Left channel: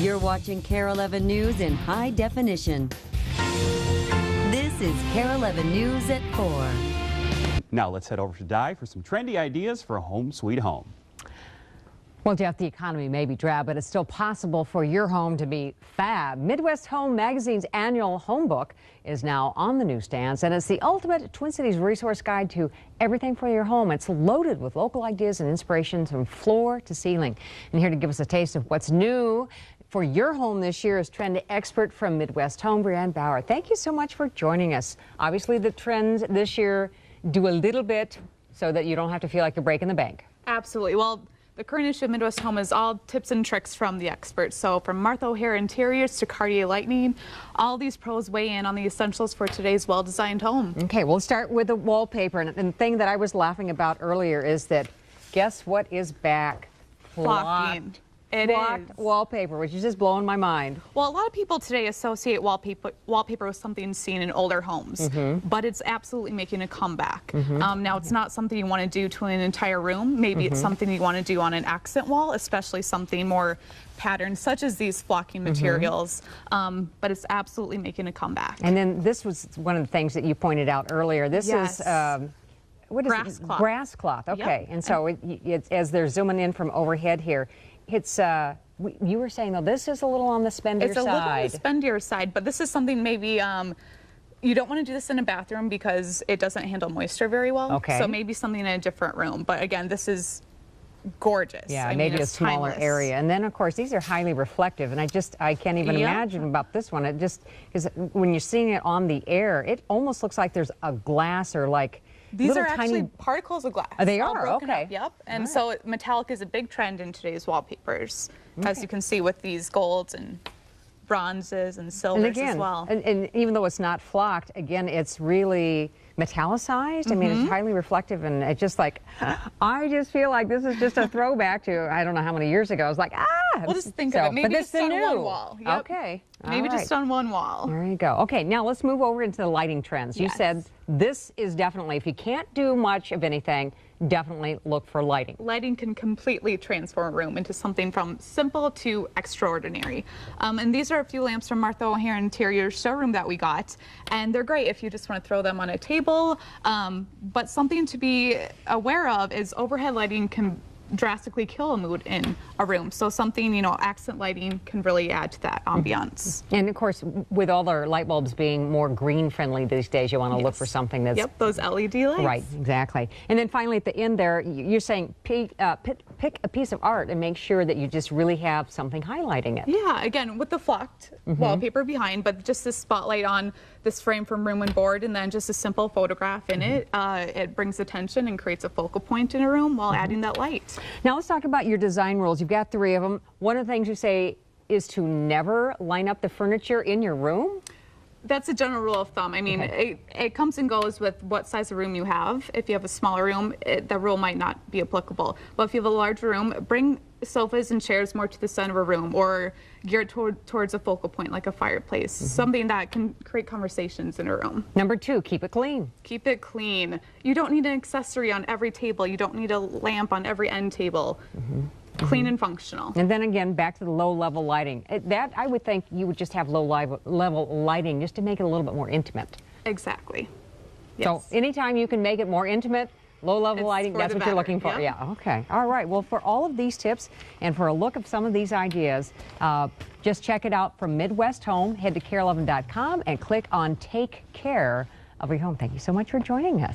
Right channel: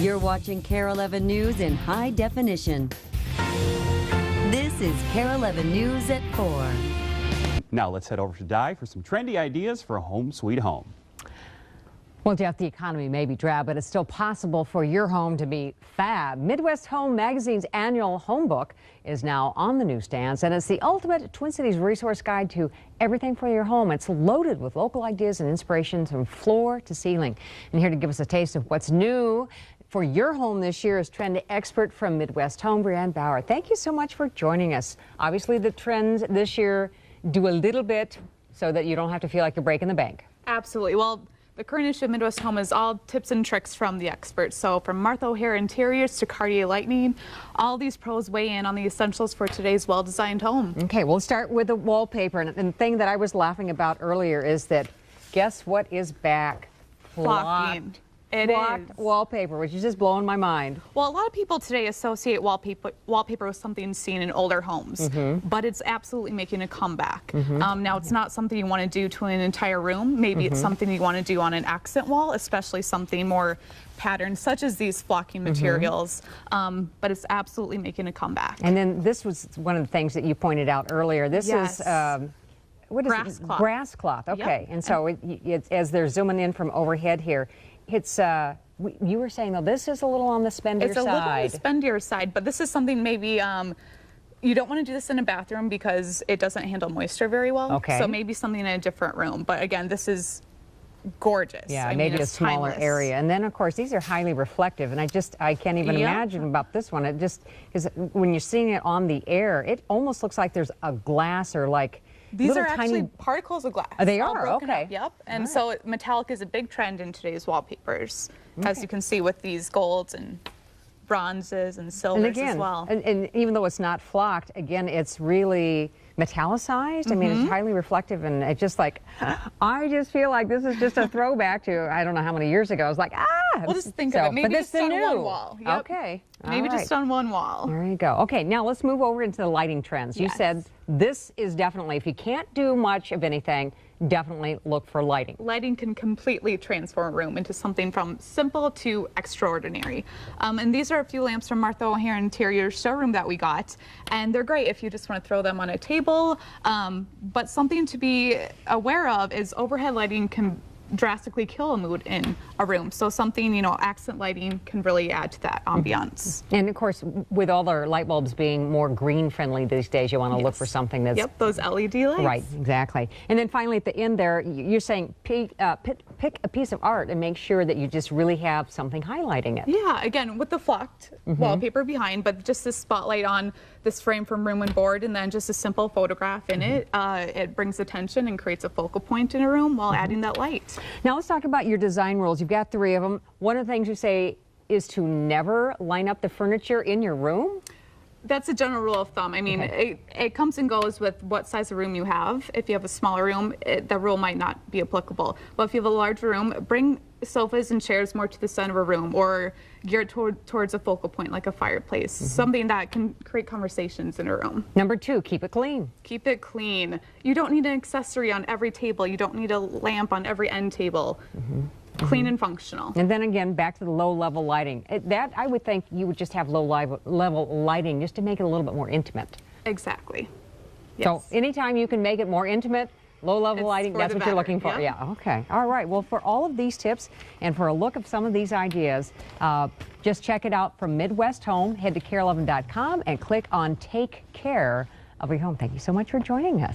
You're watching KARE 11 News in high definition. This is KARE 11 News at 4. Now let's head over to Di for some trendy ideas for a home sweet home. Well, Jeff, the economy may be drab, but it's still possible for your home to be fab. Midwest Home Magazine's annual home book is now on the newsstands, and it's the ultimate Twin Cities resource guide to everything for your home. It's loaded with local ideas and inspirations from floor to ceiling. And here to give us a taste of what's new for your home this year is trend expert from Midwest Home, Brianne Bauer. Thank you so much for joining us. Obviously, the trends this year do a little bit so that you don't have to feel like you're breaking the bank. Absolutely. Well, the current issue of Midwest Home is all tips and tricks from the experts. So from Martha O'Hare Interiors to KARE Lighting, all these pros weigh in on the essentials for today's well-designed home. Okay, we'll start with the wallpaper. And the thing that I was laughing about earlier is that guess what is back? Flocking. It Flocked is. Wallpaper, which is just blowing my mind. Well, a lot of people today associate wallpaper with something seen in older homes, but it's absolutely making a comeback. Now, it's not something you want to do to an entire room. Maybe it's something you want to do on an accent wall, especially something more patterned, such as these flocking materials, but it's absolutely making a comeback. And then this was one of the things that you pointed out earlier. This Yes. is what is Grass it? cloth. Grass cloth. Okay, Yep. and so it's as they're zooming in from overhead here, it's you were saying though this is a little on the spendier It's a little on the side. spendier side, but this is something maybe you don't want to do this in a bathroom because it doesn't handle moisture very well. Okay. So maybe something in a different room. But again, this is gorgeous. Yeah, I mean, maybe a it's smaller timeless. area. And then, of course, these are highly reflective. And I can't even Yep. imagine about this one. It just, because when you're seeing it on the air, it almost looks like there's a glass or like These little are tiny... actually particles of glass. They all are? broken Okay. up, Yep. And All so metallic is a big trend in today's wallpapers, as you can see with these golds and bronzes and silvers And again, as well. and even though it's not flocked, again, it's really metallicized. I mean, it's highly reflective, and it's just like, I just feel like this is just a throwback to, I don't know how many years ago. I was like, Well, just think So, of it. Maybe but this just on is one new. wall. Yep. Okay. Maybe All just right. on one wall. There you go. Okay, now let's move over into the lighting trends. You Yes. said this is definitely, if you can't do much of anything, definitely look for lighting. Lighting can completely transform a room into something from simple to extraordinary. And these are a few lamps from Martha O'Hare Interior showroom that we got. And they're great if you just want to throw them on a table. But something to be aware of is overhead lighting can drastically kill a mood in a room. So something, accent lighting can really add to that ambiance. And of course, with all our light bulbs being more green friendly these days, you want to look Yes. for something that's... Yep, those LED lights. Right, exactly. And then finally at the end there, you're saying pick a piece of art and make sure that you just really have something highlighting it. Yeah, again, with the flocked wallpaper behind, but just this spotlight on this frame from room and board, and then just a simple photograph in it. It brings attention and creates a focal point in a room while adding that light. Now let's talk about your design rules. You've got 3 of them. One of the things you say is to never line up the furniture in your room. That's a general rule of thumb. I mean, it comes and goes with what size of room you have. If you have a smaller room, the rule might not be applicable. But if you have a larger room, bring sofas and chairs more to the center of a room, or geared towards a focal point like a fireplace, something that can create conversations in a room. Number 2, keep it clean. Keep it clean. You don't need an accessory on every table. You don't need a lamp on every end table. Clean and functional. And then again, back to the low-level lighting. That, I would think you would just have low-level lighting just to make it a little bit more intimate. Exactly. So anytime you can make it more intimate, low-level It's lighting, for that's the what you're better. looking for. Yep. Yeah, okay. All right. Well, for all of these tips and for a look of some of these ideas, just check it out from Midwest Home. Head to KARE11.com and click on Take Care of Your Home. Thank you so much for joining us.